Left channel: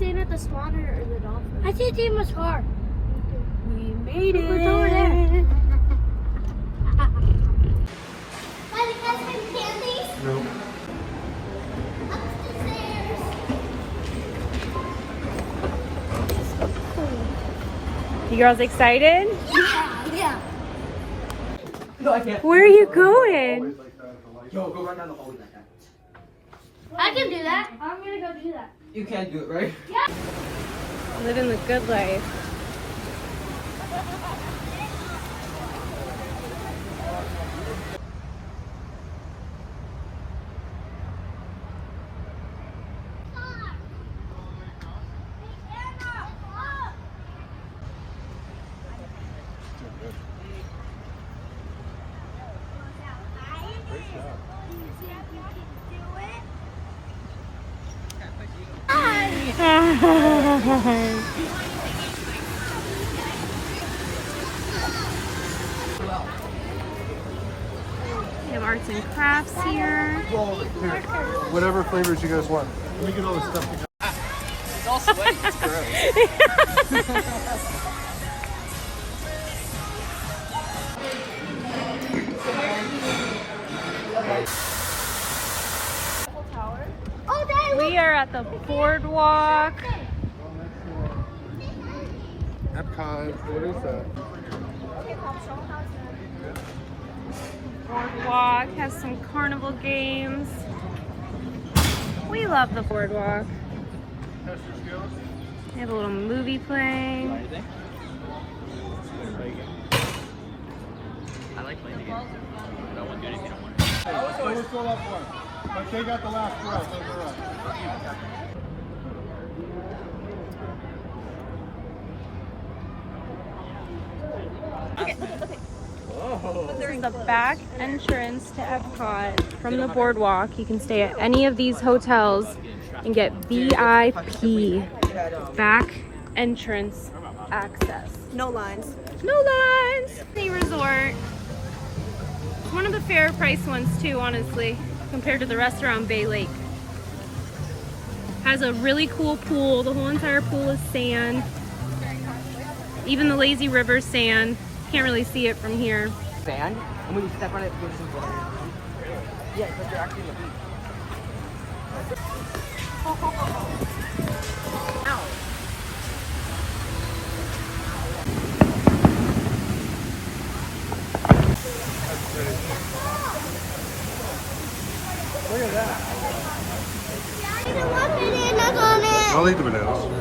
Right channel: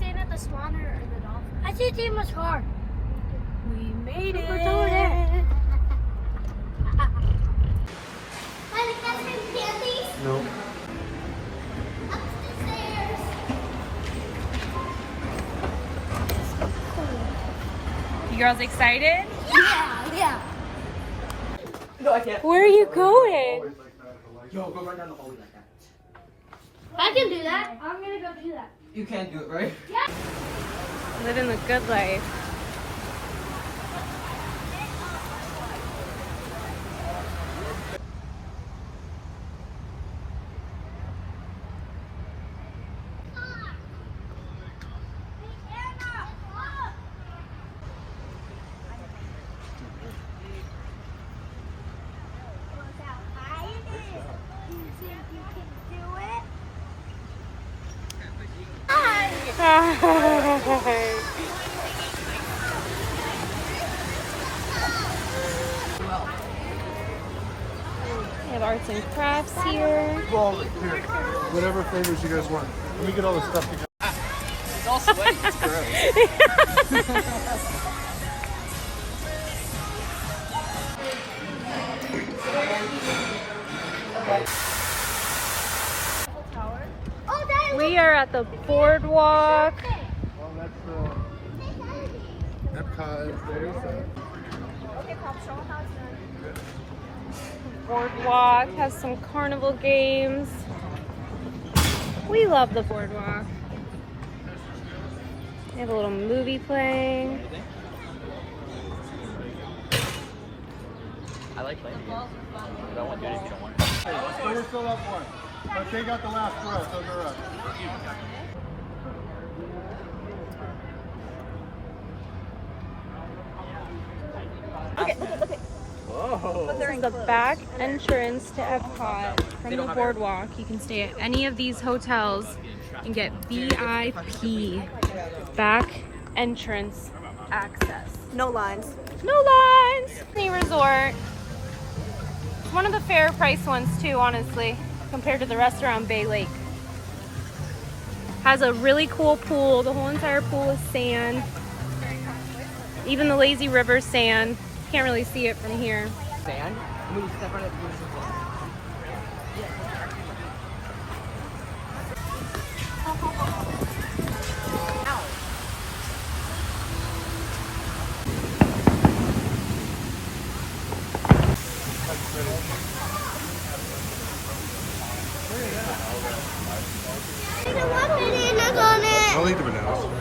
staying at the Swan or the Dolphin? I see Tima's car. We made it. It's over there. Want to get some candies? No. Up the stairs. You girls excited? Yeah. Where are you going? Yo, go right down the hallway. I can do that. I'm gonna go do that. You can't do it, right? Living the good life. We have arts and crafts here. Well, here, whatever flavors you guys want. Let me get all the stuff together. It's all sweaty. It's gross. We are at the boardwalk. Epcot, what is that? Boardwalk has some carnival games. We love the boardwalk. We have a little movie playing. So we're still up one. But they got the last row, those are us. This is the back entrance to Epcot from the boardwalk. You can stay at any of these hotels and get VIP back entrance access. No lines. No lines! Disney Resort. One of the fair price ones too, honestly, compared to the rest around Bay Lake. Has a really cool pool. The whole entire pool is sand. Even the lazy river sand. Can't really see it from here. Sand? And when you step on it, it gives you water. Yeah, because they're actually looking. Ow. There's a lot of bananas on it. I'll eat the bananas.